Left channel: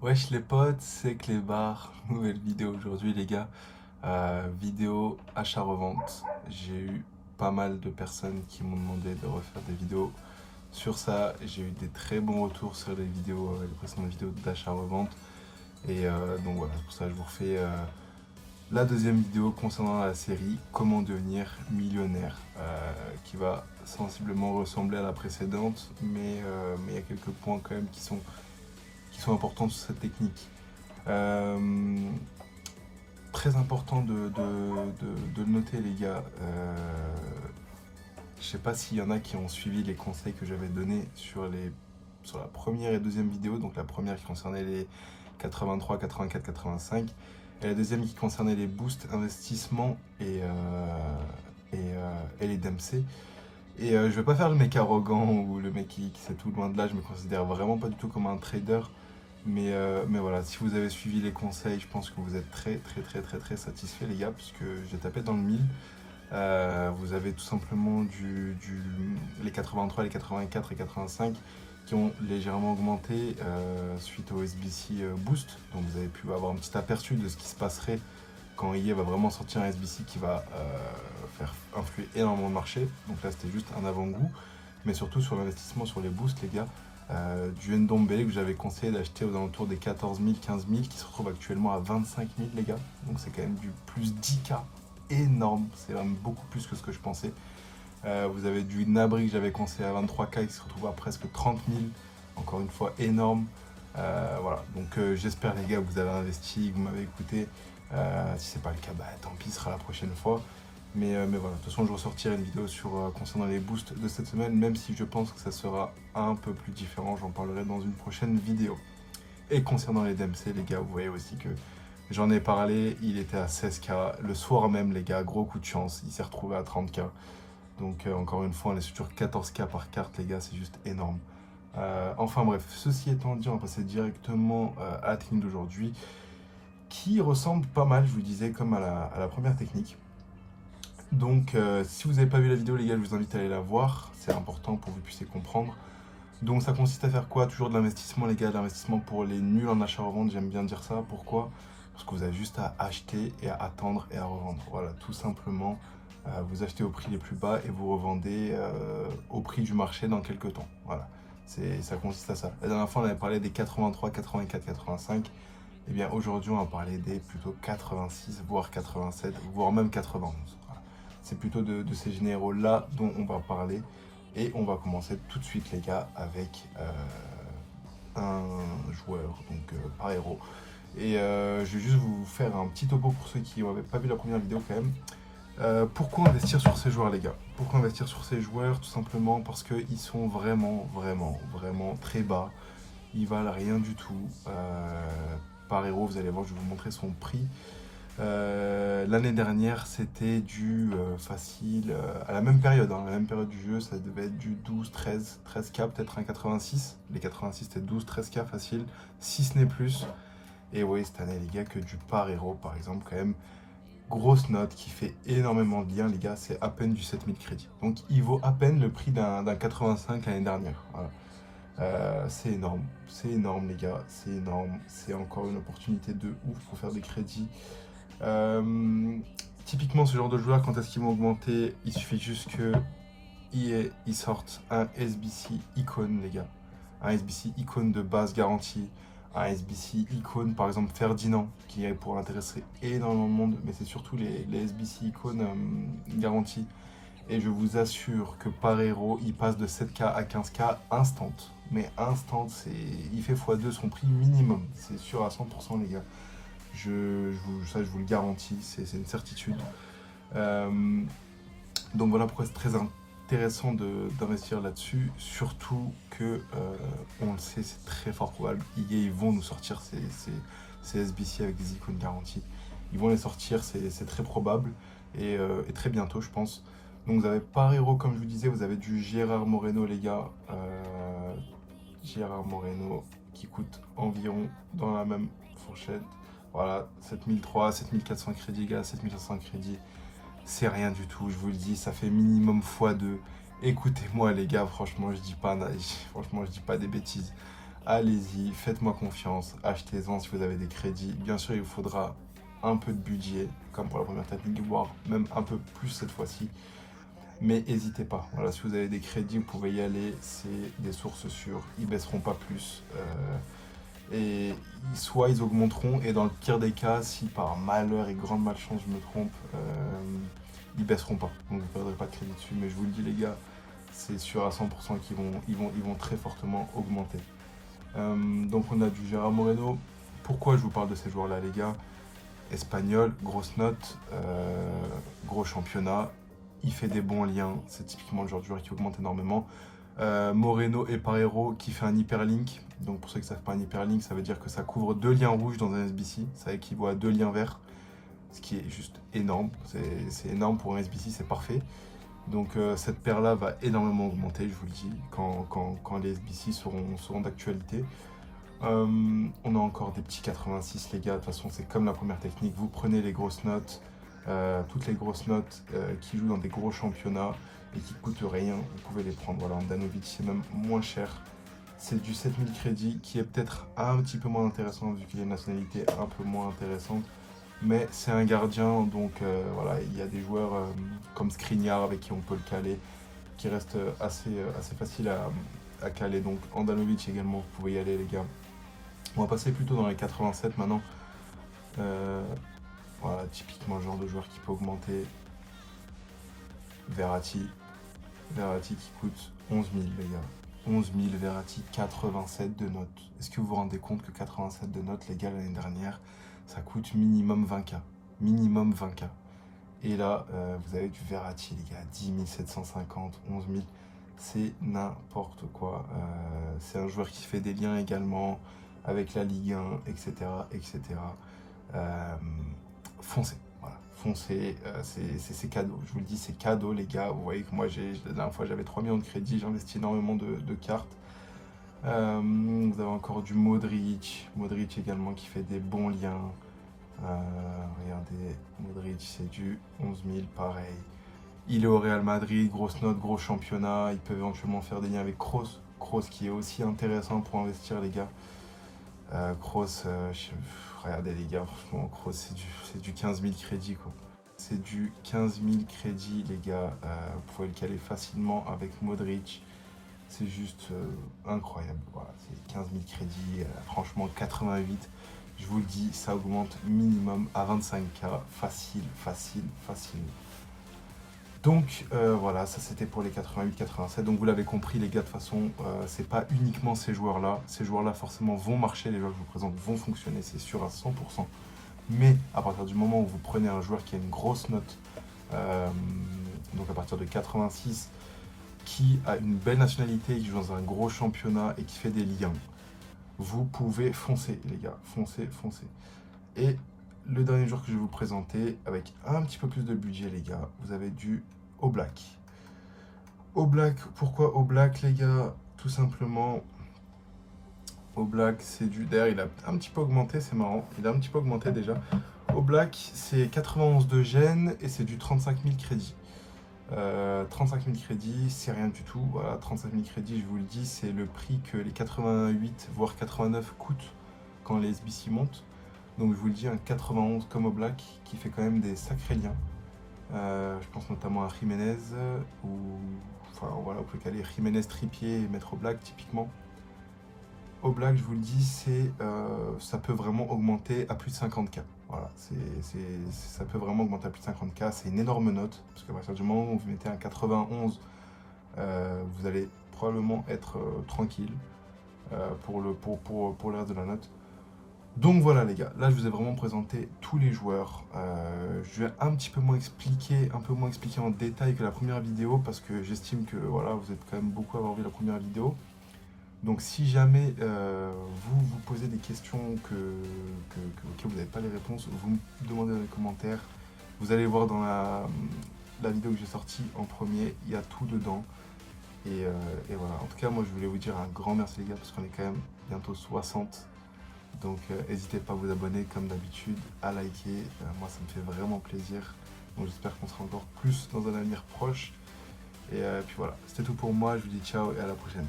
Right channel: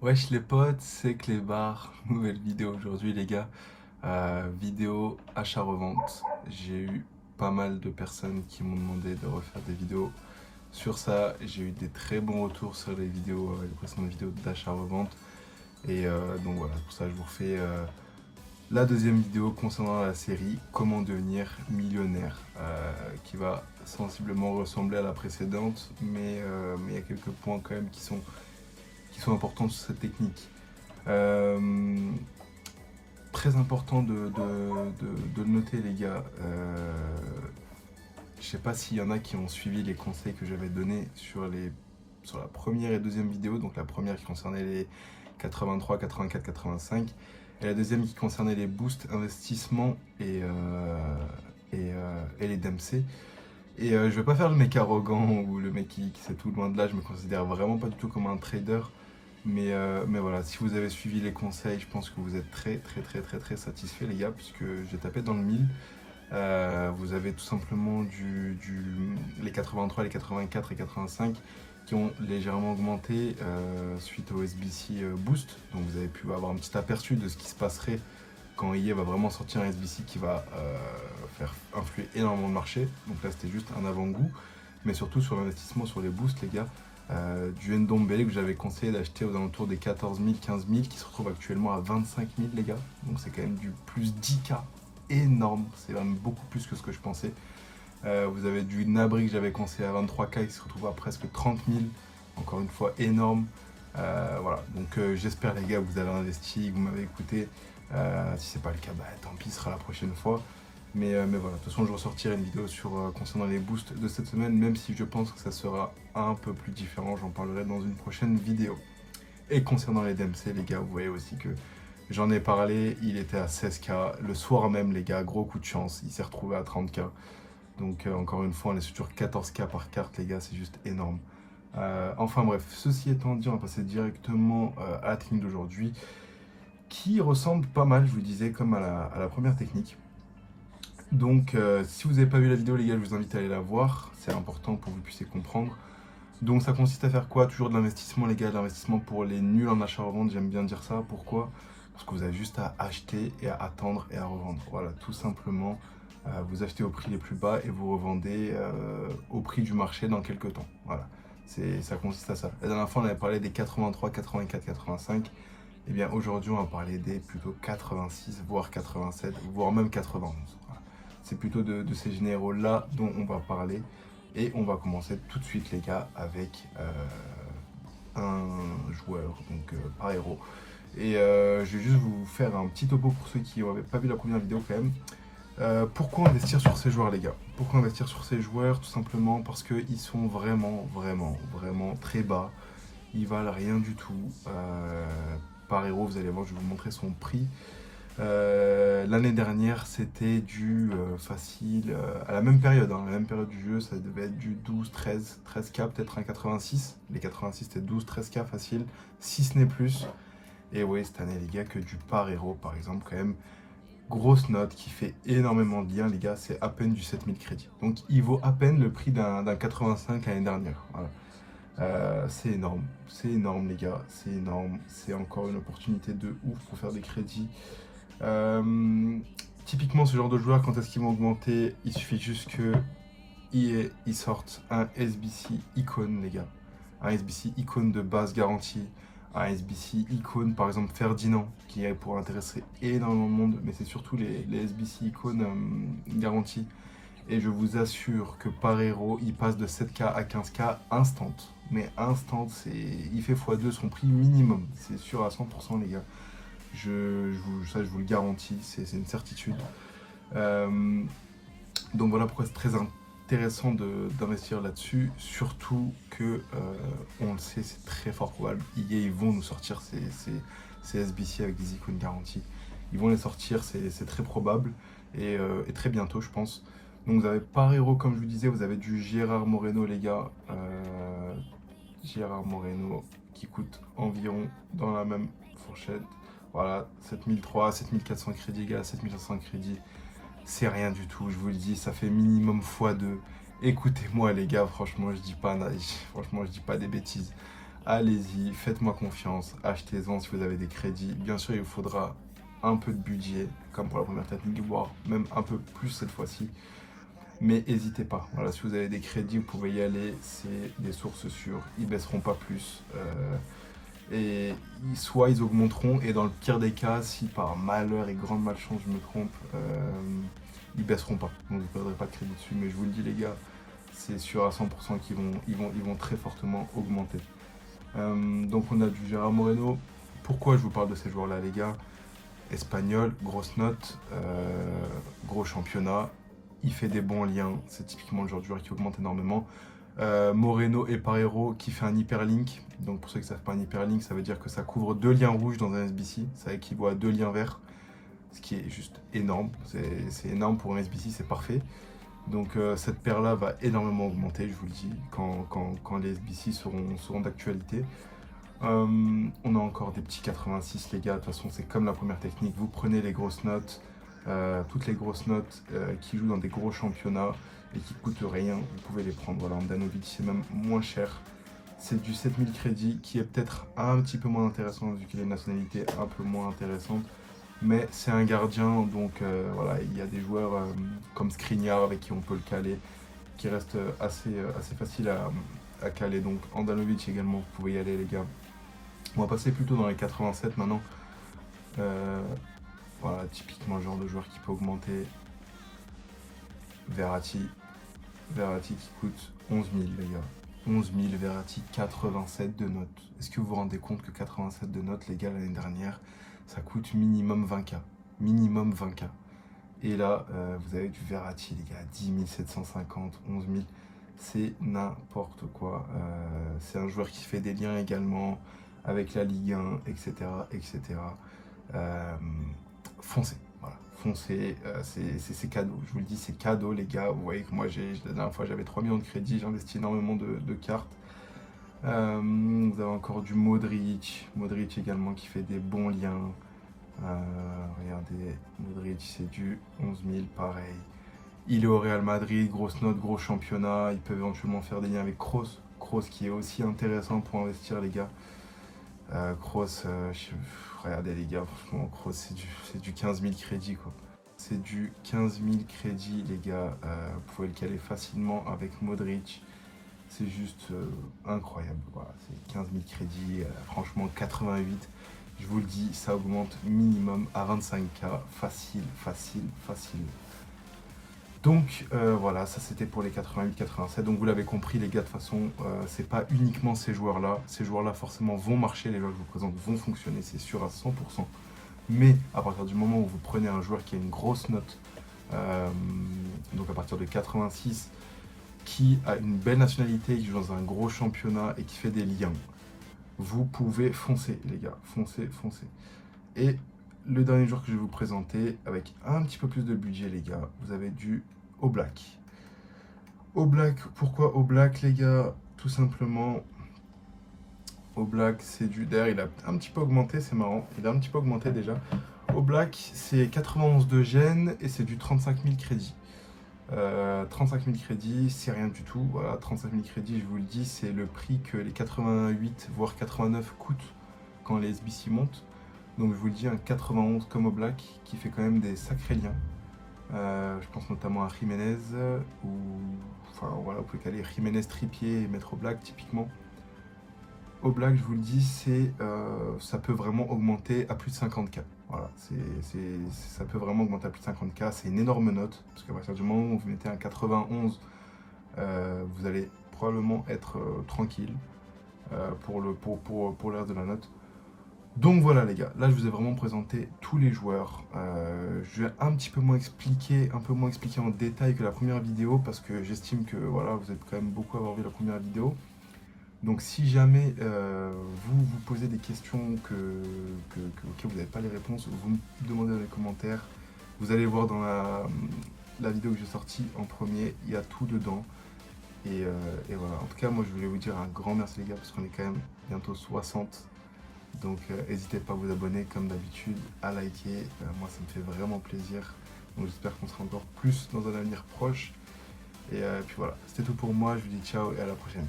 Wesh les potes, c'est Clébar, nouvelle vidéo aujourd'hui les gars. Vidéo achat-revente. J'ai eu pas mal de personnes qui m'ont demandé de refaire des vidéos sur ça. J'ai eu des très bons retours sur les vidéos, les précédentes vidéos d'achat-revente. Donc voilà, pour ça je vous refais la deuxième vidéo concernant la série Comment devenir millionnaire, qui va sensiblement ressembler à la précédente, mais il y a quelques points quand même qui sont importants sur cette technique. Euh, Très important de le noter les gars. Je sais pas s'il y en a qui ont suivi les conseils que j'avais donnés sur la première et deuxième vidéo. Donc la première qui concernait les 83, 84, 85 et la deuxième qui concernait les boosts, investissements et les DMC. Je vais pas faire le mec arrogant ou le mec qui sait tout, loin de là. Je me considère vraiment pas du tout comme un trader. Mais voilà, si vous avez suivi les conseils, je pense que vous êtes très satisfait les gars, puisque j'ai tapé dans le mille. Vous avez tout simplement les 83, les 84 et 85 qui ont légèrement augmenté suite au SBC Boost. Donc vous avez pu avoir un petit aperçu de ce qui se passerait quand EA va vraiment sortir un SBC qui va faire influer énormément le marché. Donc là c'était juste un avant-goût. Mais surtout sur l'investissement sur les boosts les gars, du Ndombele que j'avais conseillé d'acheter aux alentours des 14 000, 15 000 qui se retrouve actuellement à 25 000 les gars. Donc c'est quand même du plus 10K énorme, c'est vraiment beaucoup plus que ce que je pensais. Vous avez du Nabri que j'avais conseillé à 23K qui se retrouve à presque 30 000, encore une fois énorme. Voilà, donc j'espère les gars que vous avez investi, que vous m'avez écouté. Si c'est pas le cas, bah tant pis, ce sera la prochaine fois. Mais voilà, de toute façon je ressortirai une vidéo concernant les boosts de cette semaine, même si je pense que ça sera un peu plus différent, j'en parlerai dans une prochaine vidéo. Et concernant les DMC les gars, vous voyez aussi que j'en ai parlé, il était à 16K, le soir même les gars, gros coup de chance, il s'est retrouvé à 30K. Donc encore une fois, on est sur 14K par carte les gars, c'est juste énorme. Enfin bref, ceci étant dit, on va passer directement à la technique d'aujourd'hui, qui ressemble pas mal, je vous disais, comme à la première technique. Donc si vous n'avez pas vu la vidéo les gars, je vous invite à aller la voir, c'est important pour que vous puissiez comprendre. Donc ça consiste à faire quoi? Toujours de l'investissement les gars, de l'investissement pour les nuls en achat-revente, j'aime bien dire ça. Pourquoi? Parce que vous avez juste à acheter et à attendre et à revendre. Voilà, tout simplement, vous achetez au prix les plus bas et vous revendez au prix du marché dans quelques temps. Voilà, ça consiste à ça. La dernière fois on avait parlé des 83, 84, 85. Et bien aujourd'hui on va parler des plutôt 86, voire 87, voire même 91. Voilà. C'est plutôt de ces généraux-là dont on va parler. Et on va commencer tout de suite les gars avec un joueur, donc par héros. Je vais juste vous faire un petit topo pour ceux qui n'avaient pas vu la première vidéo quand même. Pourquoi investir sur ces joueurs les gars? Pourquoi investir sur ces joueurs? Tout simplement parce qu'ils sont vraiment très bas. Ils valent rien du tout. Par héros, vous allez voir, je vais vous montrer son prix. L'année dernière, c'était du facile, à la même période, hein, la même période du jeu, ça devait être du 12, 13, 13K, peut-être un 86. Les 86, c'était 12, 13K facile, si ce n'est plus. Et oui, cette année, les gars, que du par héros, par exemple, quand même, grosse note qui fait énormément de bien, les gars, c'est à peine du 7000 crédits. Donc, il vaut à peine le prix d'un 85 l'année dernière. Voilà. C'est énorme, les gars, c'est énorme. C'est encore une opportunité de ouf pour faire des crédits. Typiquement ce genre de joueurs, quand est-ce qu'ils vont augmenter? Il suffit juste que ils sortent un SBC icône les gars, un SBC icône de base garantie, un SBC icône par exemple Ferdinand qui pourrait intéresser énormément de monde, mais c'est surtout les SBC icônes garantis. Et je vous assure que par héros il passe de 7K à 15K instant, mais instant, il fait x2 son prix minimum, c'est sûr à 100% les gars. Ça, je vous le garantis, c'est une certitude. Donc voilà pourquoi c'est très intéressant d'investir là-dessus, surtout que, on le sait, c'est très fort probable. Ils vont nous sortir ces SBC avec des icônes garanties. Ils vont les sortir, c'est très probable, et très bientôt, je pense. Donc vous avez par héros, comme je vous disais, vous avez du Gérard Moreno, les gars. Gérard Moreno qui coûte environ dans la même fourchette. Voilà, 7003, 7400 crédits, gars, 7500 crédits, c'est rien du tout, je vous le dis, ça fait minimum x2. Écoutez-moi les gars, franchement je dis pas des bêtises. allez-y, faites-moi confiance, achetez-en si vous avez des crédits. Bien sûr, il vous faudra un peu de budget, comme pour la première technique, voire même un peu plus cette fois-ci. Mais n'hésitez pas, voilà, si vous avez des crédits, vous pouvez y aller, c'est des sources sûres, ils baisseront pas plus. Et soit ils augmenteront, et dans le pire des cas, si par malheur et grande malchance je me trompe, ils baisseront pas. Donc vous ne perdrez pas de crédit dessus, mais je vous le dis les gars, c'est sûr à 100% qu'ils vont très fortement augmenter. Donc on a du Gérard Moreno. Pourquoi je vous parle de ces joueurs-là les gars? Espagnol, grosse note, gros championnat, il fait des bons liens, c'est typiquement le genre de joueur qui augmente énormément. Moreno et Parejo qui fait un hyperlink, donc pour ceux qui ne savent pas un hyperlink, ça veut dire que ça couvre 2 liens rouges dans un SBC, ça équivaut à 2 liens verts, ce qui est juste énorme, c'est énorme pour un SBC, c'est parfait. Donc cette paire-là va énormément augmenter, je vous le dis, quand les SBC seront d'actualité. On a encore des petits 86 les gars, de toute façon c'est comme la première technique, vous prenez les grosses notes, toutes les grosses notes qui jouent dans des gros championnats et qui coûtent rien, vous pouvez les prendre. Voilà, Andanovic c'est même moins cher, c'est du 7000 crédits qui est peut-être un petit peu moins intéressant vu qu'il a une nationalité un peu moins intéressante, mais c'est un gardien, donc voilà, il y a des joueurs comme Skriniar avec qui on peut le caler, qui reste assez facile à caler, donc Andanovic également, vous pouvez y aller les gars. On va passer plutôt dans les 87 maintenant. Voilà, typiquement le genre de joueur qui peut augmenter. Verratti qui coûte 11 000 les gars. 11 000, Verratti 87 de notes. Est-ce que vous vous rendez compte que 87 de notes les gars l'année dernière, ça coûte minimum 20K. Minimum 20K. Et là, vous avez du Verratti les gars, 10 750, 11 000. C'est n'importe quoi. C'est un joueur qui fait des liens également avec la Ligue 1, etc. etc. Foncez, voilà, foncez, c'est cadeau. Je vous le dis, c'est cadeau les gars. Vous voyez que moi, la dernière fois, j'avais 3 millions de crédits, j'ai investi énormément de cartes. Vous avez encore du Modric également qui fait des bons liens. Regardez, Modric c'est du 11 000, pareil. Il est au Real Madrid, grosse note, gros championnat. Il peut éventuellement faire des liens avec Kroos. Kroos qui est aussi intéressant pour investir les gars. Kroos, regardez les gars, franchement, Kroos c'est du 15 000 crédits quoi. C'est du 15 000 crédits les gars. Vous pouvez le caler facilement avec Modric. C'est juste incroyable. Voilà, c'est 15 000 crédits, franchement 88. Je vous le dis, ça augmente minimum à 25K. Facile. Donc voilà, ça c'était pour les 88-87. Donc vous l'avez compris les gars, de toute façon, c'est pas uniquement ces joueurs-là. Ces joueurs-là forcément vont marcher, les joueurs que je vous présente vont fonctionner, c'est sûr à 100%. Mais à partir du moment où vous prenez un joueur qui a une grosse note, donc à partir de 86, qui a une belle nationalité, qui joue dans un gros championnat et qui fait des liens, vous pouvez foncer les gars, foncez. Et le dernier joueur que je vais vous présenter, avec un petit peu plus de budget les gars, vous avez du Oblak. Oblak, pourquoi Oblak les gars? Tout simplement, Oblak c'est du... D'ailleurs il a un petit peu augmenté, c'est marrant, il a un petit peu augmenté déjà. Oblak c'est 91 de gêne et c'est du 35 000 crédits. 35 000 crédits, c'est rien du tout. Voilà, 35 000 crédits, je vous le dis, c'est le prix que les 88 voire 89 coûtent quand les SBC montent. Donc je vous le dis, un 91 comme Oblak qui fait quand même des sacrés liens. Je pense notamment à Jiménez, ou enfin voilà, vous pouvez caler Jiménez Trippier et mettre Oblak typiquement. Oblak, je vous le dis, ça peut vraiment augmenter à plus de 50K. Voilà, ça peut vraiment augmenter à plus de 50K, c'est une énorme note, parce qu'à partir du moment où vous mettez un 91, vous allez probablement être tranquille pour le reste de la note. Donc voilà les gars, là je vous ai vraiment présenté tous les joueurs. Je vais un peu moins expliquer en détail que la première vidéo, parce que j'estime que voilà, vous êtes quand même beaucoup à avoir vu la première vidéo. Donc si jamais vous posez des questions auxquelles vous n'avez pas les réponses, vous me demandez dans les commentaires. Vous allez voir dans la vidéo que j'ai sortie en premier, il y a tout dedans. Et voilà, en tout cas moi je voulais vous dire un grand merci les gars, parce qu'on est quand même bientôt 60. Donc n'hésitez pas à vous abonner comme d'habitude, à liker, moi ça me fait vraiment plaisir. Donc j'espère qu'on sera encore plus dans un avenir proche. Et puis voilà, c'était tout pour moi, je vous dis ciao et à la prochaine.